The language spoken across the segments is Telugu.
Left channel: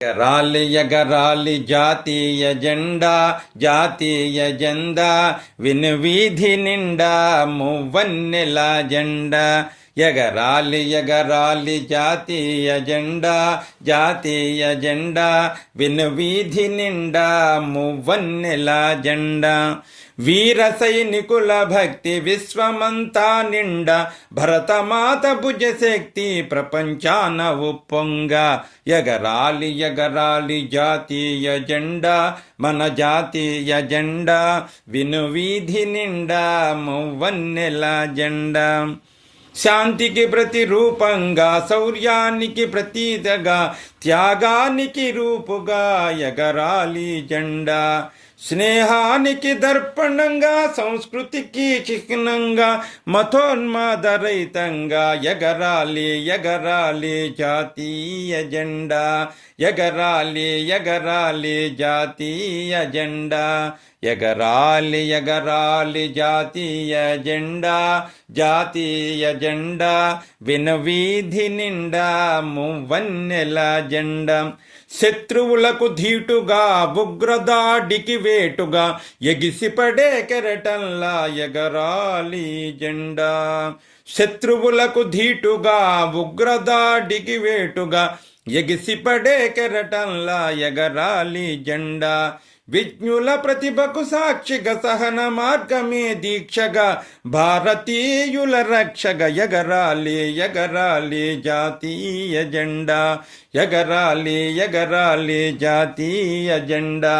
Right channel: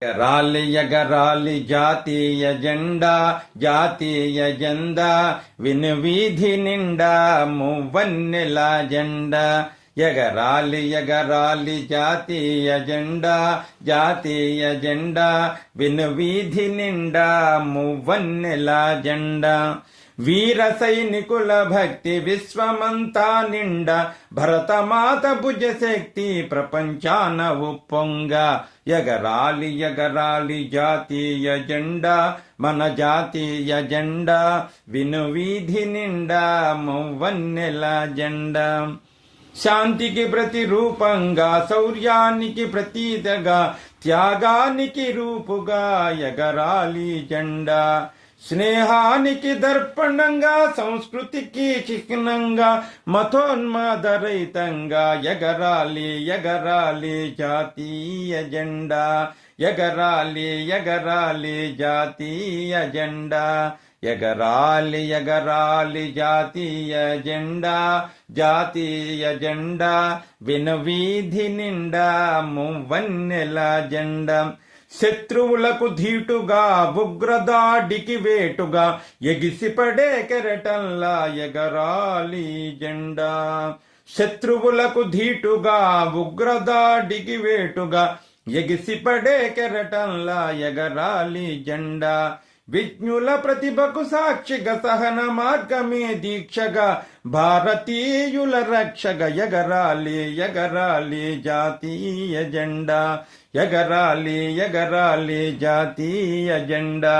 ఎగరాలి ఎగరాలి జాతీయ జెండా జాతీయ జెండా విను వీధి నిండా మువ్వన్నెల జెండా. ఎగరాలి ఎగరాలి జాతీయ జెండా జాతీయ జెండా విను వీధి నిండా మువ్వన్నెల జెండా. వీర సైనికుల భక్తి విశ్వమంతా నిండా భరతమాత భుజశక్తి ప్రపంచాన ఉప్పొంగ. ఎగరాలి ఎగరాలి జాతీయ జెండా మన జాతీయ జెండా విను వీధి నిండా మువ్వన్నెల జెండా. శాంతికి ప్రతిరూపంగా శౌర్యానికి ప్రతీతగా త్యాగానికి రూపుగా ఎగరాలి జెండా. స్నేహానికి దర్పణంగా సంస్కృతికి చిహ్నంగా మతోన్మాదరహితంగా ఎగరాలి ఎగరాలి జాతీయ జెండా. ఎగరాలి ఎగరాలి జాతీయ జెండా. ఎగరాలి ఎగరాలి జాతీయ జెండా. జాతీయ జెండా వినవీధి నిండా మువ్వన్నెల జెండా. శత్రువులకు ధీటుగా ఉగ్రదాడికి వేటుగా ఎగిసిపడే కెరటంలా ఎగరాలి జెండా. శత్రువులకు ధీటుగా ఉగ్రదాడికి వేటుగా ఎగిసిపడే కెరటంలా ఎగరాలి జెండా విజ్ఞుల ప్రతిభకు సాక్షిగా సహన మార్గమే దీక్షగా భారతీయుల రక్షగా ఎగరాలి ఎగరాలి జాతీయ జెండా ఎగరాలి ఎగరాలి జాతీయ జెండా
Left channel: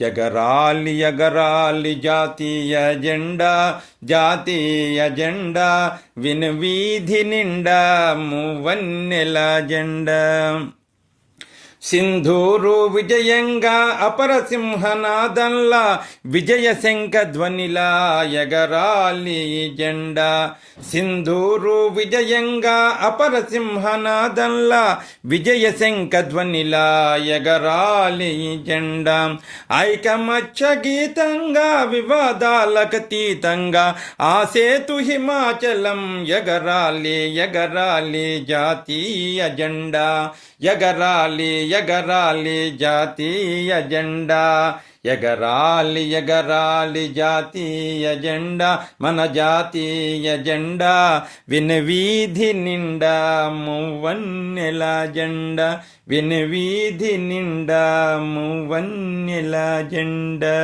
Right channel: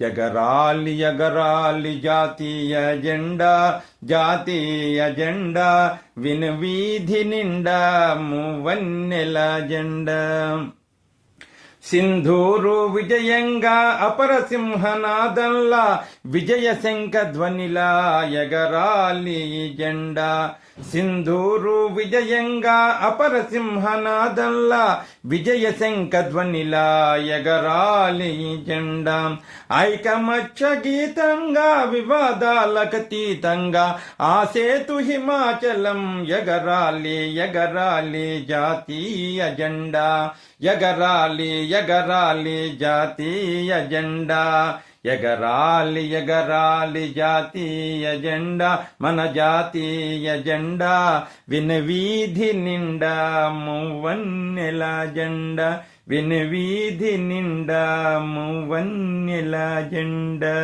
ఎగరాలి ఎగరాలి జాతీయ జెండా జాతీయ జెండా వినవీధి నిండా మువన్నెల జెండా. సింధూరు విజయంగా అపరసింహనాదంలా విజయ శంఖ ధ్వనిలా ఎగరాలి జెండా. సింధూరు విజయంగా అపరసింహనాదంలా విజయ శంఖ ధ్వనిలా ఎగరాలి జెండా. ఐకమత్య గీతంగా వివాదాలకతీతంగా ఆ సేతు హిమాచలం ఎగరాలి ఎగరాలి జాతీయ జెండా. ఎగరాలి ఎగరాలి జాతీయ జెండా ఎగరాలి ఎగరాలి జాతీయ జెండా మన జాతీయ జెండా విను వీధి నిండా మువన్నెల జెండా విను వీధి నిండా మువన్నెల జెండా.